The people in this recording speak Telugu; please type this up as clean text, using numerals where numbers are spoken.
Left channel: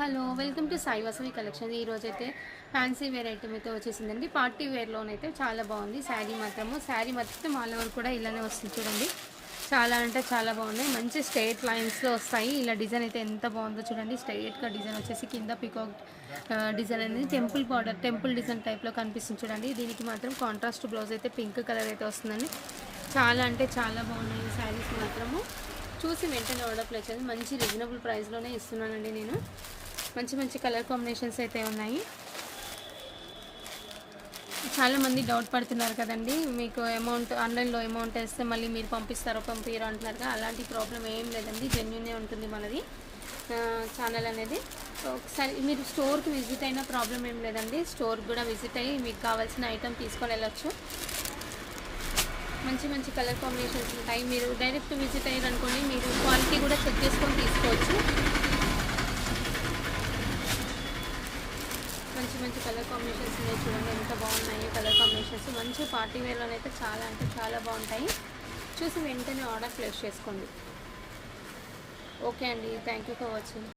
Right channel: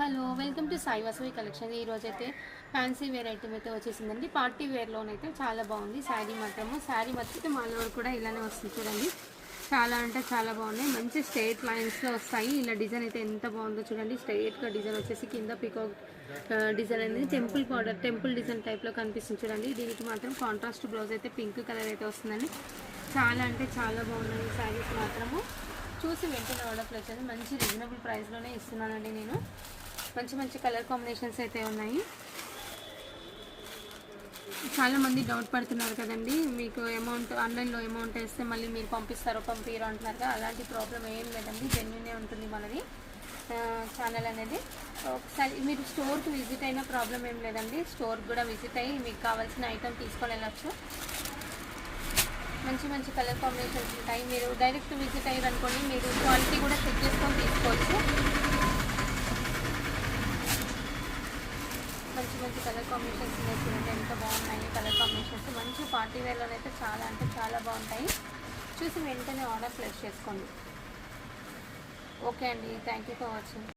Hello welcome to Sai Vasavi collection. ఈరోజు అయితే ఫ్యాన్సీ వేర్ ఐటమ్ అయితే వచ్చేసిందండి. పార్టీ వేర్లోనైతే చాలా బాగుంది. శారీ మాత్రం మాలో కూడా ఇలానే వస్తుంది చూడండి. చాలా అంటే చాలా బాగున్నాయి. మంచి స్ట్రేట్ లైన్స్లో వస్తాయి. ఇలా డిజైన్ అయితే ఎంత బాగుందో చూడండి. స్ట్రేట్గా డిజైన్ వచ్చేసి కింద పికాక్ డిజైన్ అనేది టెంపుల్ డిజైన్ టైప్లో కనిపిస్తుంది చూడండి. దీనికి మాత్రం కాంట్రాస్ట్ బ్లౌజ్ అయితే పింక్ కలర్ అయితే వస్తుందండి. చాలా అంటే చాలా బాగున్నాయి ఈ శారీస్ మాత్రము. చూసి వెంటనే ఆర్డర్ ప్లేస్ చేసి మంచి రీజనబుల్ ప్రైస్లోనే ఇస్తున్నానండి నేను. మంచి కలర్ కాంబినేషన్స్ అయితే ఉన్నాయి. చాలామంది డౌట్ పడుతున్నారు కదండి, మీకు ఆన్లైన్లో అమౌంట్ వేస్తే మళ్ళీ మీరు పంపిస్తారో పంపిరో అంటున్నారు కదా. అలాంటి ప్రాబ్లం ఏం లేదండి, జెన్యూనే ఉంటుంది మనది ఛానల్ అనేది. ఒకసారి మీరు స్టోర్కి విజిట్ అయినా ప్రాబ్లం ఏం లేదండి. స్టోర్కి కూడా విజిట్ అయ్యి మీకు కావాల్సిన ఐటమ్ తీసుకొని వెళ్ళచ్చు. మంచి కలర్ కాంబినేషన్స్ ఉంటాయి. మీరు డైరెక్ట్ విజిట్ అయ్యారనుకోండి, మీరు క్వాలిటీ కూడా చెక్ చేసుకొని తీసుకోవచ్చు. మంచి కలర్ కాంబినేషన్స్ ఉన్నాయి చూడండి, ఎంత బాగున్నాయి కలర్ కాంబినేషన్స్. మంచి పార్టీ వేర్లోనైతే చాలా అంటే చాలా బాగుంటాయి. చూసి వెంటనే ఆర్డర్ ప్లేస్ చేసుకోండి. ఓకే అండి, థ్యాంక్ యూ ఫర్ వాచింగ్.